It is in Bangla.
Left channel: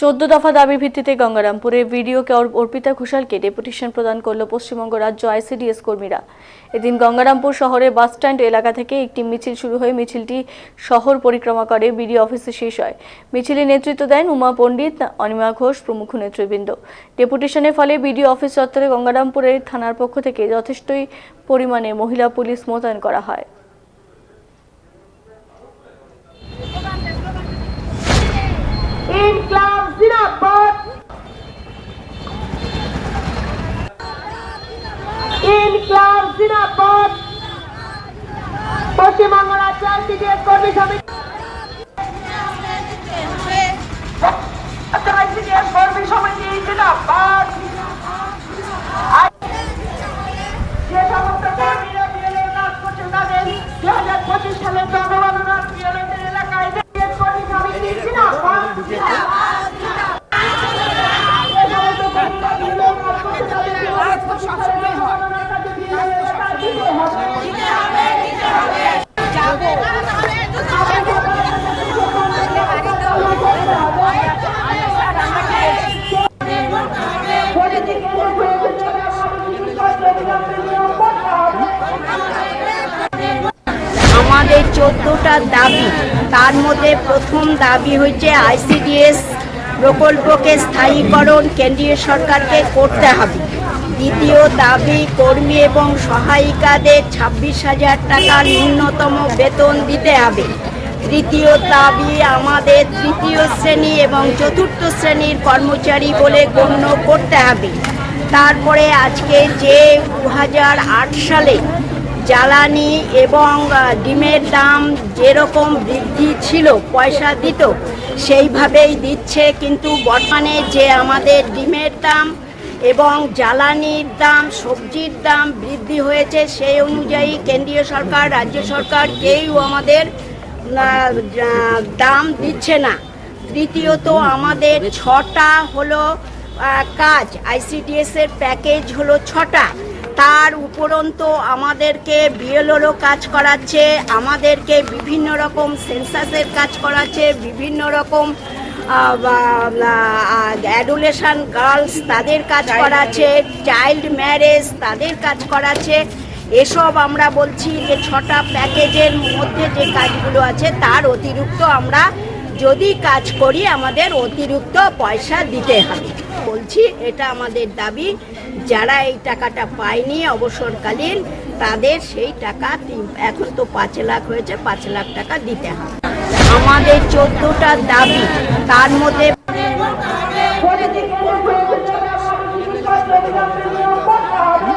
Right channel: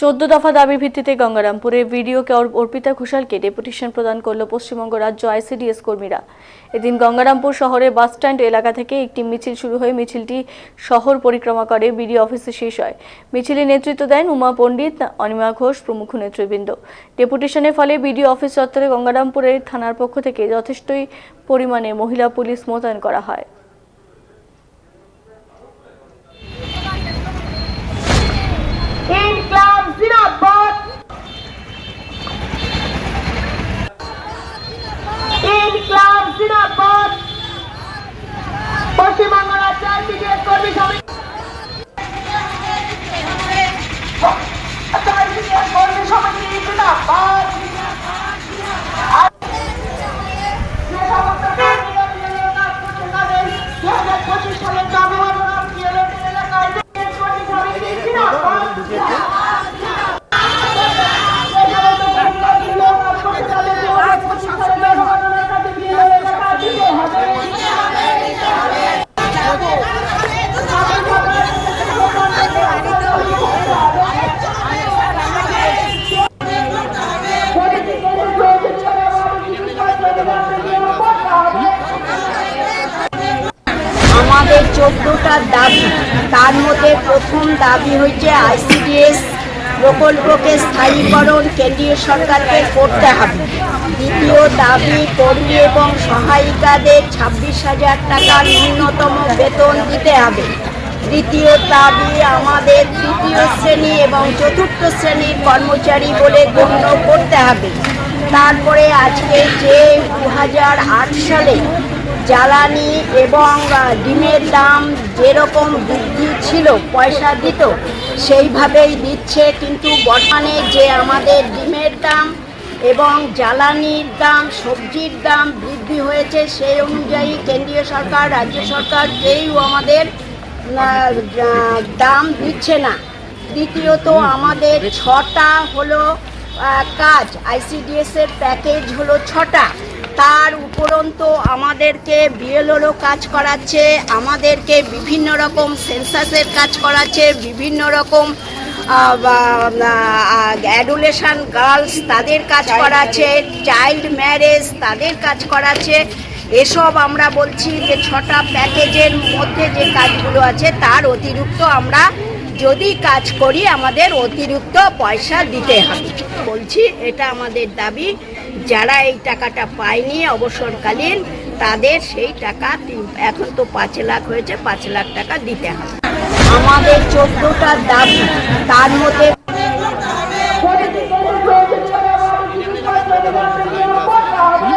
14 দফা দাবির ভিত্তিতে গঙ্গারামপুরে ভিডিওকে অর্পিতা ঘোষালকে ডেপুটেশন প্রদান করল পশ্চিমবঙ্গ রাজ্য আইসিডিএস কর্মীরা। এদিন গঙ্গারামপুর শহরে বাসস্ট্যান্ড এলাকা থেকে একটি মিছিল শুরু হয়ে মিছিলটি শহর পরিক্রমা করে বিডিও অফিসে শেষ হয়। মিছিলে নেতৃত্ব দেন উমা পণ্ডিত, অনিমা ঘোষ প্রমুখ নেতৃবৃন্দ। ডেপুটেশনের ফলে বিডিও অফিস চত্বরে গঙ্গারামপুরের থানার পক্ষ থেকে যথেষ্টই পরিমাণে মহিলা পুলিশ মোতায়েন করা হয়। পশ্চিমবঙ্গ রাজ্য আইসিডিএস কর্মী সমিতি জিন্দাবাদ। যে সমস্ত কর্মীরা বিএলওর কাজ করছেন তাদের 2025 সালের জনগণনা বিএলওর এলাকায় কর্মী সমিতি জিন্দাবাদ। আমাদের 14টা দাবি, তার মধ্যে প্রথম দাবি হচ্ছে আইসিডিএস প্রকল্পকে স্থায়ীকরণ কেন্দ্রীয় সরকারকে করতে হবে। দ্বিতীয় দাবি কর্মী এবং সহায়িকাদের 26,000 টাকা ন্যূনতম বেতন দিতে হবে। তৃতীয় দাবি আমাদের তৃতীয় শ্রেণী এবং চতুর্থ শ্রেণীর কর্মচারী বলে গণ্য করতে হবে। তারপরে আজকে যে 2008 সালে জ্বালানি এবং ডিমের দাম যেরকম বৃদ্ধি ছিল, পয়সা দিত সেইভাবেই দিচ্ছে, কিন্তু বর্তমানে যে আমাদের ডিমের দাম এবং জ্বালানির দাম, সবজির দাম বৃদ্ধি হয়েছে, সেই অনুযায়ী কেন্দ্রীয় সরকার, রাজ্য সরকার কেউ আমাদের দাম দিচ্ছে না। তৃতীয়ত আমাদের 6টা হলো কাজ, আইসিডিএসের প্যাকেজ হলো 6টা, তার উপরন্তু আমাদেরকে বিএলওরও কাজ করাচ্ছে, আমাদেরকে বিভিন্ন রকম সেন্সাসের কাজ করাচ্ছে, বিভিন্ন রকম অ্যাডোলেশন গার্লস তাদের কাজ করাচ্ছে, চাইল্ড ম্যারেজ তাদের কাজ করাচ্ছে। এসব আমরা বলছি যে 6টা প্যাকেজের মধ্যে যে কাজগুলো আছে তার অতিরিক্ত আমরা যদি কাজ করি আমাদের অতিরিক্ত পয়সা দিতে হবে। বলছি এটা আমাদের দাবি, যারা এই টাকাটা পায়নি অবসরকালীন তাদের সেই টাকা এখন তো 5 লাখ হয়েছে, 5 লাখ টাকা দিতে হবে। আমাদের 14টা দাবি, তার মধ্যে করতে হবে।